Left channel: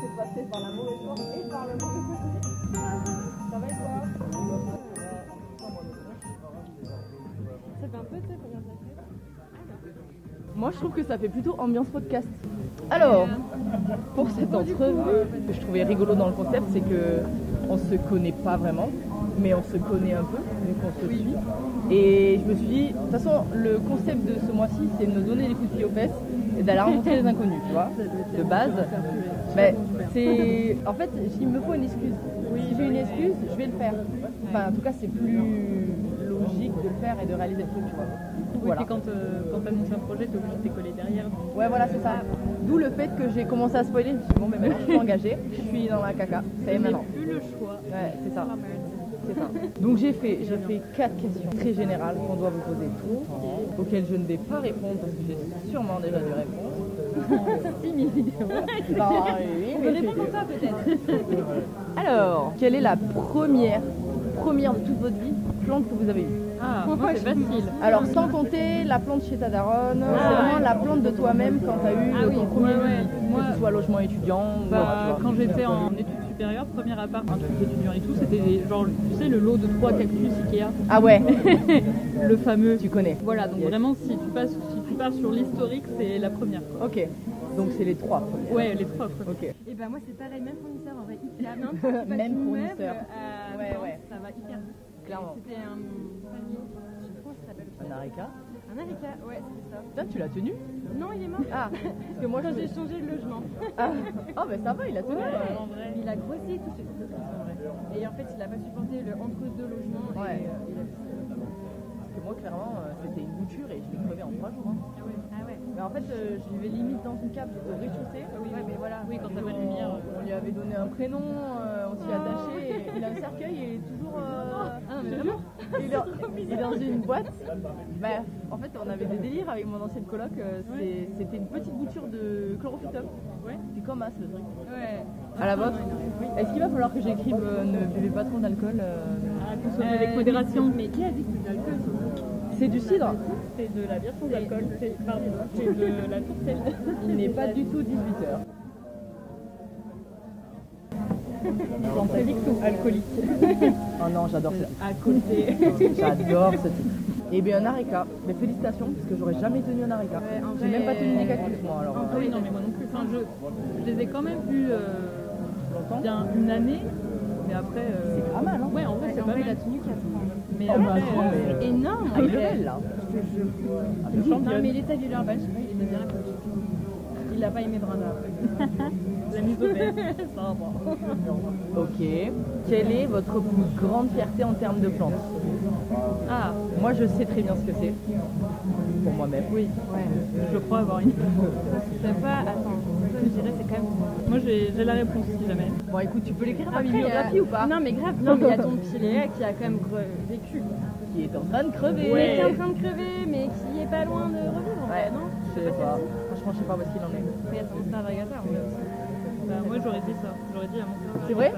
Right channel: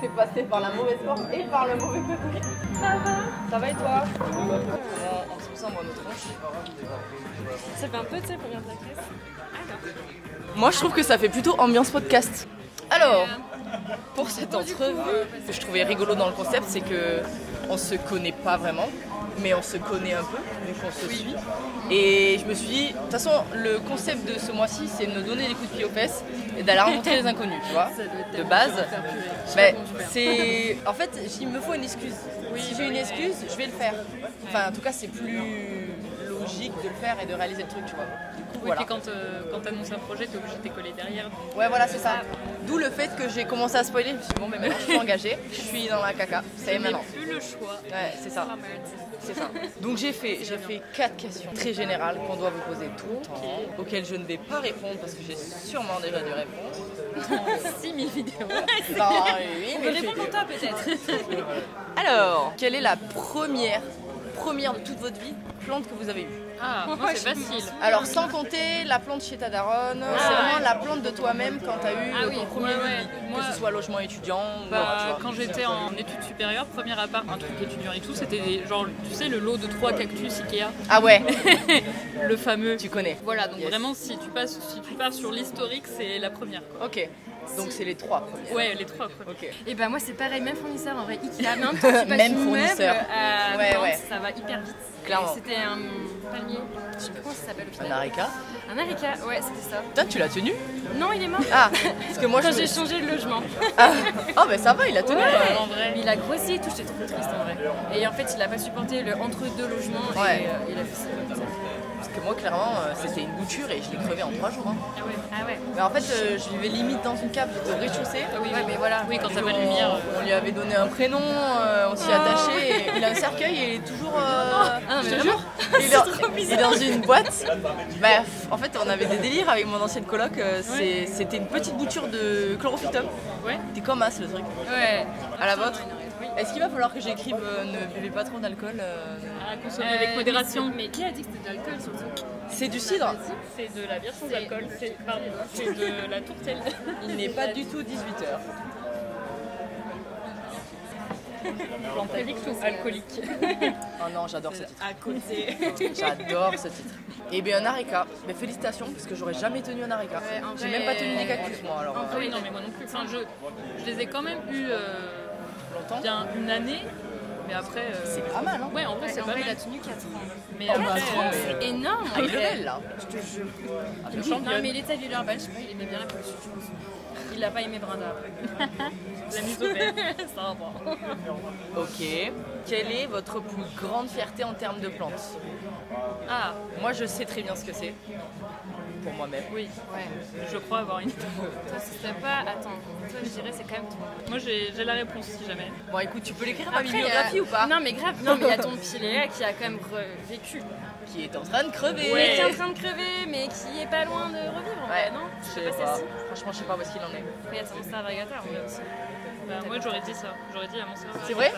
T'es passé par la mauvaise porte et par le mauvais côté. Ça va et toi? On se ressemble à notre tronche. Ça fait un peu, tu sais, combien t'as fait? Moi, je trouve que ça fait plutôt ambiance podcast. Alors, pour cette entrevue, ce que je trouvais rigolo dans le concept, c'est que on se connaît pas vraiment, mais on se connaît un peu, vu qu'on se suit. Et je me suis dit, de toute façon, le concept de ce mois-ci, c'est de nous donner des coups de pied aux fesses et d'aller rencontrer les inconnus, tu vois, de base. Mais c'est... En fait, il me faut une excuse. Si j'ai une excuse, je vais le faire. Enfin, en tout cas, c'est plus logique de le faire et de réaliser le truc, tu vois. Du coup, voilà. Et quand t'annonces un projet, t'es obligé de t'écoller derrière. Ouais, voilà, c'est ça. D'où le fait que j'ai commencé à spoiler. Je me suis dit, bon, mais maintenant je suis engagée, je suis dans la caca. Ça y est maintenant. Plus le choix. Ouais, c'est ça. C'est ça. Donc j'ai fait 4 questions très générales qu'on doit vous poser tout le temps, auxquelles je ne vais pas répondre parce que j'ai sûrement déjà dû répondre. 6000 vidéos. Non, oui, On peut répondre pour toi peut-être. Alors, quelle est la première de toute votre vie plante que vous avez eue? Ah, moi c'est facile. Alors sans compter la plante chez ta daronne, c'est vraiment la plante de toi-même quand tu as eu ton premier lit, que ce soit logement étudiant ou autre, tu vois. Quand j'étais en études supérieures, premier appart, un truc étudiant et tout, c'était genre, tu sais, le lot de 3 cactus Ikea. Ah ouais. Le fameux. Tu connais. Voilà, donc vraiment si tu pars sur l'historique, c'est la première, quoi. Ok. Donc c'est les 3 premières. Ouais, les 3 premières. Ok. Et bah moi c'est pareil, même fournisseur en vrai, Ikea, même quand tu passes Même du fournisseur. meuble à Ouais, Nantes, ouais. ça va hyper vite. Clairement. C'était un palmier, je sais plus comment ça s'appelle au Un final. areca. Un areca, ouais c'était ça. Toi, tu l'as tenu? Non il est mort. Ah, parce que moi Quand je... j'ai changé de logement. Ah, oh, ben ça va, il a tenu. En vrai. Mais il a grossi et tout, j'étais trop triste en vrai. Et en fait il a pas supporté le entre-deux logements Ouais. et il a fait ça comme ça. Parce que moi, clairement, c'était une bouture et je l'ai crevé en 3 jours. Hein. Ah ouais. Mais en fait, je vivais limite dans une cave, j'étais au rez-de-chaussée. Ouais mais voilà. Oui, quand Et t'as pas de on- lumière. On lui avait donné un prénom, on s'y attachait. Et il a un cercueil et il est toujours. Ah, je mais te jure. Il est dans une boîte. Bref, en fait, on avait des délires avec mon ancienne coloc. C'était une petite bouture de chlorophytum. Ouais. C'était comme as le truc. Ouais. À la vôtre. Oui. Est-ce qu'il va falloir que j'écrive ne buvez pas trop d'alcool À consommer avec modération. Mais qui a dit que c'était de l'alcool surtout? C'est du cidre. C'est de la bière sans alcool. C'est de la tourtelle. Il n'est pas du tout 18h. Plantavique ou alcoolique. Oh non, j'adore ce titre. À côté. J'adore ce titre. Et bien un areca, mais félicitations parce que j'aurais jamais tenu un areca. Ouais, en J'ai vrai, même pas tenu des cactus moi alors. Ah oui, non, mais moi non plus. Enfin, je les ai quand même eu Longtemps. bien une année, mais après. C'est pas mal hein. Ouais, en vrai, c'est En pas vrai il a mal. tenu 4 ans. Mais Oh, bah, après, attends, mais- C'est énorme. Ah, il est belle là. Je te jure. je Non championne. mais il était à Villeurbanne, je sais pas, il aimait bien la pollution, je pense. Il a pas aimé Brenda après. La mise au vert. Ça va pas. Ok. Quelle est votre plus grande fierté en termes de plantes? Ah, Moi je sais très bien ce que c'est. Pour moi-même. oui, Ouais. je crois avoir une. Toi ce serait pas. Attends, toi je dirais c'est quand même toi. Moi, j'ai la réponse si jamais. Bon écoute, tu peux l'écrire à ma Après, il y a- bibliographie ou pas? Non mais grave, non mais il y a ton pilet qui a quand même vécu. Qui est en train de crever. Mais qui est en train de crever, mais qui est pas loin de revivre en vrai, Ouais, non? je sais pas. celle-ci. Franchement, je sais pas où est-ce qu'il en est. Mais attends, c'est un Varigata en vrai aussi. Bah, moi, j'aurais dit ça. J'aurais dit à mon cerveau. C'est vrai?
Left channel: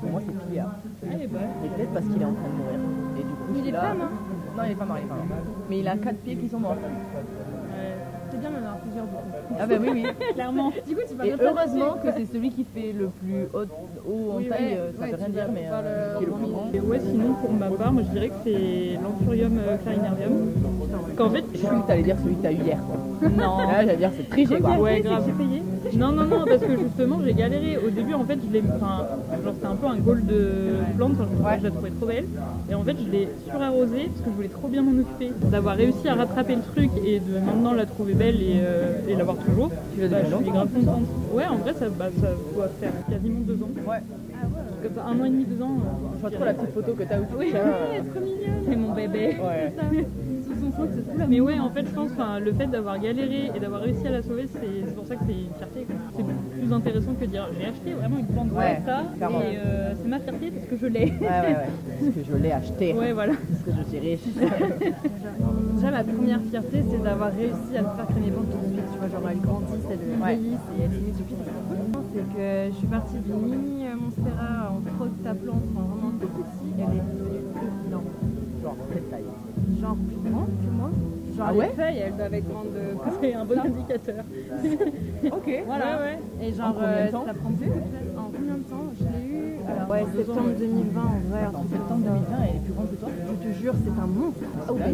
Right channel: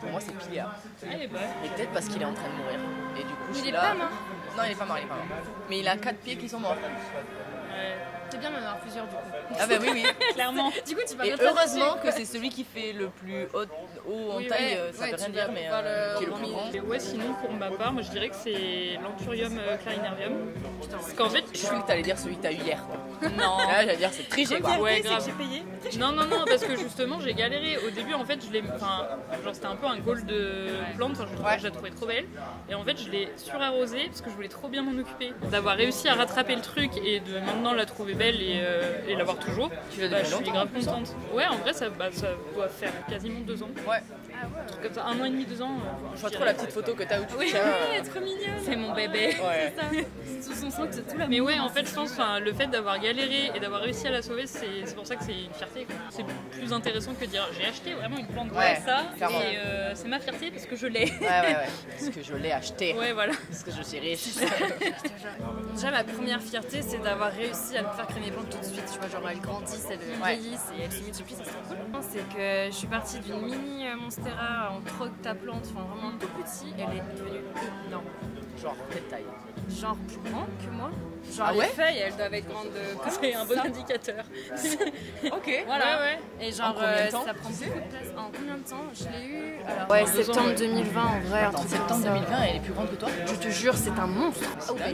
Pour moi c'est Piléa. Eh ben. Et peut-être parce qu'il est en train de mourir. Et du coup, je Il suis est là. pas mort. Non, il est pas mort, il est pas mort. Mais il a 4 pieds qui sont morts. Ouais. C'est bien d'en avoir plusieurs du coup. Ah bah oui, oui. Clairement. Du coup, tu vas Et heureusement que c'est celui qui fait le plus haut en Oui, taille, ouais, ça ouais, veut rien tu dire, vas mais pas le qui est le plus rendre grand. Et ouais, sinon, pour ma part, moi, je dirais que c'est l'Anthurium clarinarium. Parce qu'en fait, Je croyais que t'allais dire celui que t'as eu hier. Quoi. non. Ah, j'allais dire c'est triché quoi. Ouais, grave. payé. Non, parce que justement, j'ai galéré. Au début, en fait, genre, c'était un peu un goal de plante. Enfin, je la trouvais trop belle. Et en fait, je l'ai surarrosée parce que je voulais trop bien m'en occuper. D'avoir réussi à rattraper le truc et de maintenant la trouver belle et l'avoir toujours. Tu l'as Bah, depuis je suis longtemps, grave en plus, hein. contente. Ouais, en vrai, ça doit faire quasiment 2 ans. Ouais. Un truc comme ça, 1 an et demi, 2 ans. Je vois trop la petite photo que t'as où tu Oui, tiens. trop mignonne. c'est mon bébé. Ouais. Sous son sang, c'est tout la Mais ouais, en fait, je pense le fait d'avoir galéré et d'avoir réussi à la sauver, c'est pour ça que c'est une fierté, quoi. C'est plus intéressant que de dire j'ai acheté vraiment une plante Ouais, comme ça clairement. et c'est ma fierté parce que je l'ai. Ouais. Parce que je l'ai acheté. Ouais, voilà. Parce que je suis riche. Déjà, ma première fierté, c'est d'avoir réussi à me faire créer mes plantes tout de suite. Tu vois, genre elles grandissent, elles vieillissent et elles se multiplient, ça c'est trop cool. C'est que je suis partie d'une mini monstère on troque ta plante, enfin vraiment tout petit, elle est devenue énorme. Genre, quelle taille? Genre plus grand que moi. Genre Ah les ouais feuilles, elles doivent être grandes de... C'est un bon indicateur. Ok. Voilà. Ouais. Et genre, En combien de temps, ça prend tu sais beaucoup de place. En combien de temps? Je l'ai eu... Alors, Ouais, en septembre 2 ans, 2020 en vrai. un Attends, truc septembre comme ça. 2020, elle est plus grande que toi? Je te jure, c'est un monstre. dingue. Ah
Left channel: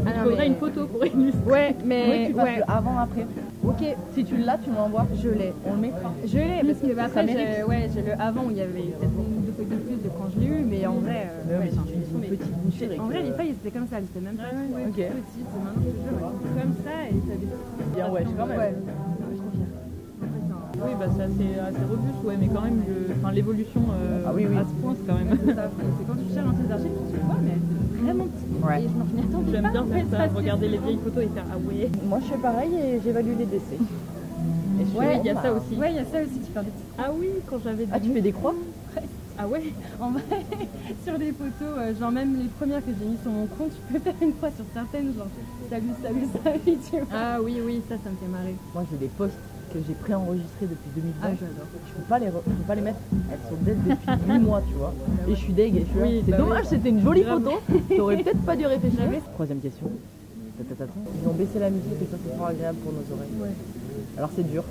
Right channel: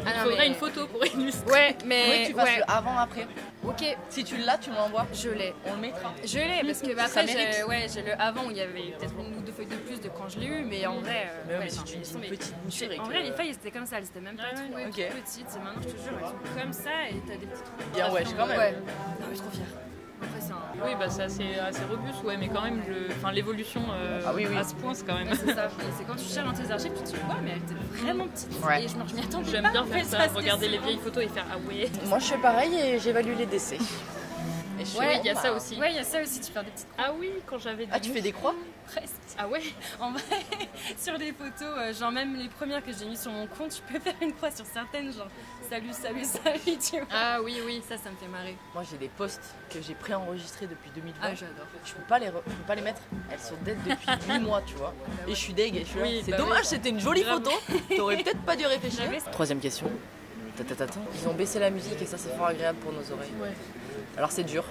Il non, faudrait mais- une photo pour illustrer. Ouais, Oui, mais... tu fasses ouais. le avant-après. Ok, Si tu l'as, tu me l'envoies. je l'ai. On le mettra. Je l'ai parce que Ça après mérite. j'ai le avant où il y avait peut-être une ou deux feuilles de plus de quand je l'ai eu, mais en vrai Mais si enfin, tu elles dis sont une des- petite bouture et en que- vrai les feuilles elles étaient comme ça, elles étaient même pas trop ok. petites, et maintenant je te jure elles sont comme ça et t'as des petites Bien, ouais, quand même. Ouais. Non mais trop fière. Après c'est un... Oui, bah c'est assez robuste, ouais, mais quand même, l'évolution Ah oui, oui. à ce point, c'est quand même. Ouais, c'est ça. Et c'est quand tu cherches dans tes archives, tu te dis ouais mais elle était vraiment petite. Ouais. Et je m'y attendais J'aime pas, bien en faire fait, ça, c'était regarder les si vieilles photos et faire ah ouais. Moi, je fais pareil et j'évalue les décès. Et je fais, Ouais, bon, il y a bah, ça aussi. Ouais, il y a ça aussi, tu fais des petites Ah oui, quand j'avais Ah, tu fais des croix? presses. Ah ouais. En vrai, sur des photos, genre même les premières que j'ai mises sur mon compte, tu peux faire une croix sur certaines, genre salut, tu vois. Ah oui. Ça me fait marrer. Moi, j'ai des posts que j'ai préenregistrés depuis 2020. Ah, j'adore. Je peux pas les mettre. Elles sont dead depuis 8 mois, tu vois. Et je suis deg. Et je suis là. Oui, C'est bah dommage, oui. c'était une jolie Grave. photo. T'aurais peut-être pas dû réfléchir. J'avais- Troisième question. Tatatata. Ils ont baissé la musique et ça, c'est fort agréable pour nos oreilles. Ouais. Alors, c'est dur.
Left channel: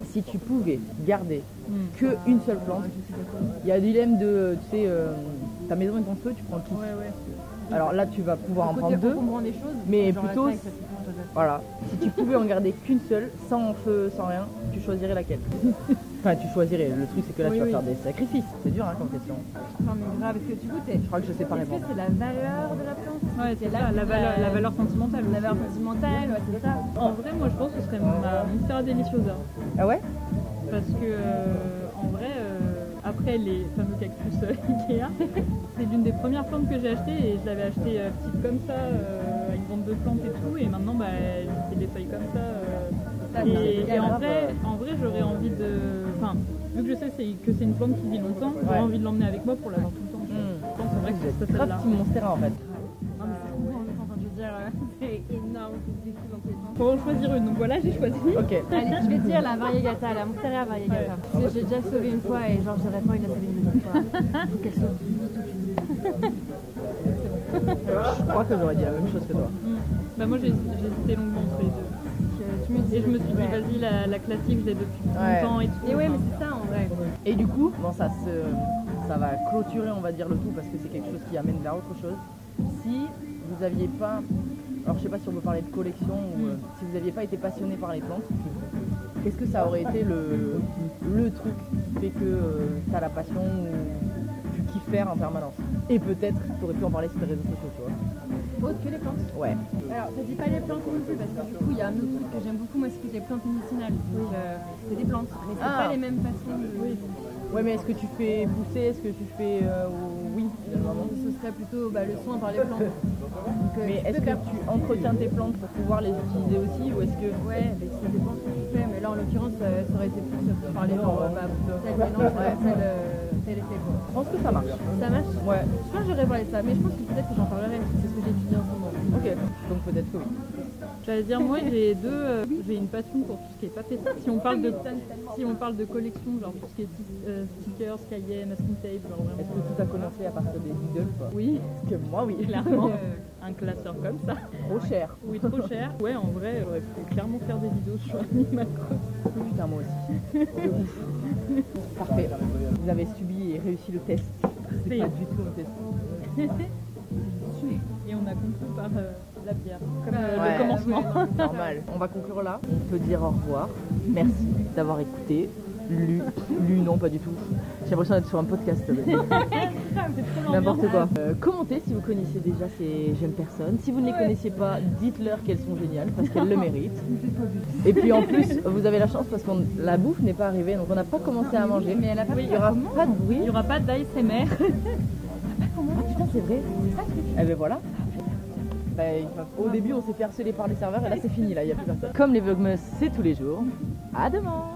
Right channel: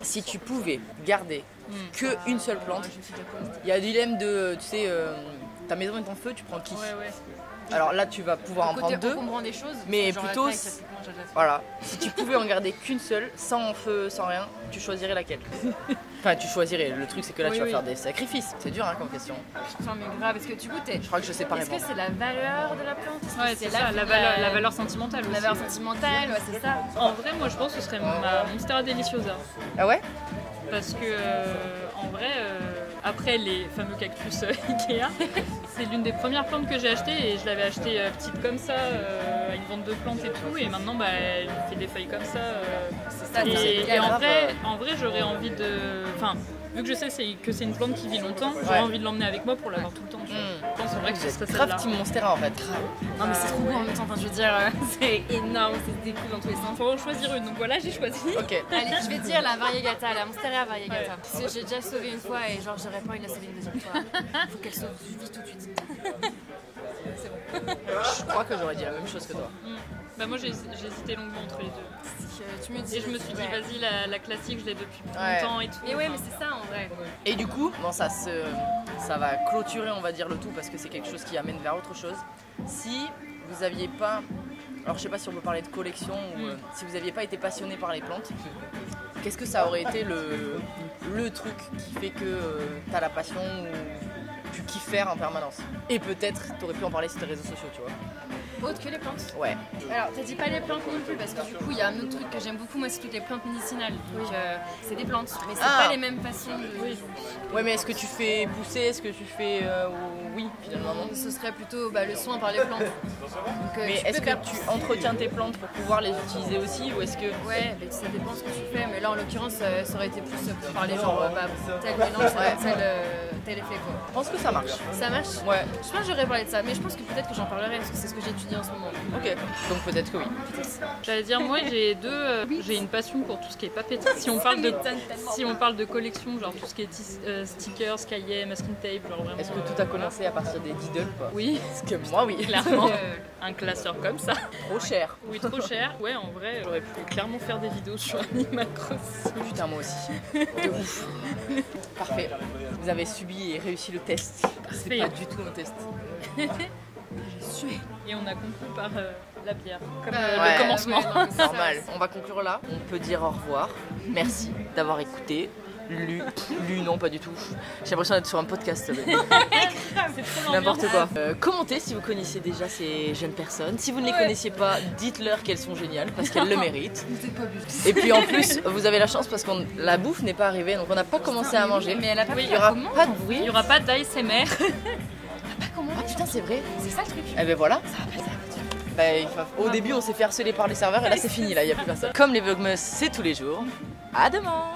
Si tu pouvais garder Hmm. que une seule plante, il y a un dilemme de, tu sais, ta maison est en feu, tu prends qui? Ouais. Alors là, tu vas pouvoir en Côté prendre deux. encombrant des choses, mais genre plutôt la taille, s- typiquement, j'adore. Voilà. Si tu pouvais en garder qu'une seule, sans feu, sans rien, tu choisirais laquelle? Enfin, tu choisirais. Le truc, c'est que là, Oui, tu vas oui. faire des sacrifices. C'est dur, hein, comme question. Enfin, mais grave, parce que du coup, Je crois que je sais pas est-ce que répondre. c'est la valeur de la plante? Est-ce que Ouais, c'est ça, vie, la valeur sentimentale aussi. La valeur sentimentale, ouais, c'est ça. En vrai, moi je pense que ce serait ma Monstera Deliciosa. Ah ouais? Parce que, en vrai, après les fameux cactus Ikea, c'est l'une des premières plantes que j'ai achetées et je l'avais achetée petite comme ça, à une vente de plantes et tout. Et maintenant, bah, elle fait des feuilles comme ça. C'est ça, Et en grave, vrai, j'aurais envie de. Enfin, vu que je sais que c'est une plante qui vit longtemps, j'aurais Ouais. envie de l'emmener avec moi pour l'avoir tout le temps. Tu vois. Je pense en vrai que Vous ce êtes serait grave celle-là. Team Monstera en fait. Non, mais c'est trop beau en même temps, enfin, je veux dire, c'est énorme, c'est des coups dans tous les sens. Faut en choisir une, donc voilà, j'ai choisi. Ok. Allez, je vais dire la variegata, la Monstera variegata. Ouais. Parce que j'ai déjà sauvé une fois et genre j'aurais pas envie de la sauver une deuxième fois. Faut qu'elle sauve vite tout de suite. Je crois que j'aurais dit la même chose que toi. Bah moi j'ai hésité longuement entre les deux. Parce que tu me dis. Et je me suis dit, ouais. vas-y, la classique, je l'ai depuis Ouais. longtemps et tout. Mais ouais, mais c'est ça en vrai. Et du coup, bon, ça va clôturer, on va dire, le tout parce que c'est quelque chose qui amène vers autre chose. Si vous aviez pas, alors je sais pas si on peut parler de collection ou si vous aviez pas été passionné par les plantes, qu'est-ce que ça aurait été le truc qui fait que t'as la passion ou tu kiffes faire en permanence? Et peut-être t'aurais pu en parler sur tes réseaux sociaux, tu vois. Autre que les plantes. Ouais. Alors, t'as dit pas les plantes non plus, parce que du coup, il y a un autre truc que j'aime beaucoup, moi, c'est toutes les plantes médicinales. Donc, c'est des plantes, mais c'est Ah. pas les mêmes façons de. Oui. Ouais, mais est-ce que tu fais pousser? Est-ce que tu fais oui, finalement non. Ce serait plutôt le soin par les plantes. Donc, Mais tu est-ce peux que faire tu entretiens tes plantes pour pouvoir les utiliser aussi ou est-ce que Ouais, mais ça dépend ce que tu fais, mais là en l'occurrence ça aurait été plus par les gens, tel mélange, tel effet quoi. je pense que ça marche? Ça marche? Ouais. Je pense que j'aurais parlé de ça, mais je pense que peut-être que j'en parlerai parce que c'est ce que j'étudie en ce moment. Ok. Donc peut-être que oui. J'allais dire, moi j'ai j'ai une passion pour tout ce qui est papeterie. Si on parle de collection, genre tout ce qui est stickers, cahiers, masking tape, genre vraiment. Est-ce que tout a commencé à partir des Diddle ou pas? Oui, Parce que moi oui. clairement. Un classeur comme ça. Trop cher. Oui, trop cher. Ouais, en vrai, j'aurais pu clairement faire des vidéos sur Animal Crossing. Putain moi aussi. De ouf. Parfait. Vous avez subi et réussi le test. C'est Parfait. pas du tout un test. Et on a conclu par la bière, comme Ouais. le commencement. Ouais, non, mais c'est ça. Normal. On va conclure là. On peut dire au revoir. Merci d'avoir écouté. Lu non pas du tout. J'ai l'impression d'être sur un podcast. C'est trop N'importe l'ambiance. quoi. Commentez si vous connaissiez déjà ces jeunes personnes. Si vous ne les connaissiez pas, dites-leur qu'elles sont géniales parce qu'elles le méritent. Vous êtes pas obligés. Et puis en plus, vous avez la chance parce que la bouffe n'est pas arrivée, donc on n'a pas commencé à manger. Mais elle a pas Oui, pris Il n'y aura comment pas de Il bruit. n'y aura pas d'ASMR. Ah putain, c'est vrai. C'est ça le truc. Eh ben voilà. Bah, au début, on s'est fait harceler par les serveurs et là, c'est fini. Là, il n'y a plus personne. Comme les Vlogmas, c'est tous les jours. À demain.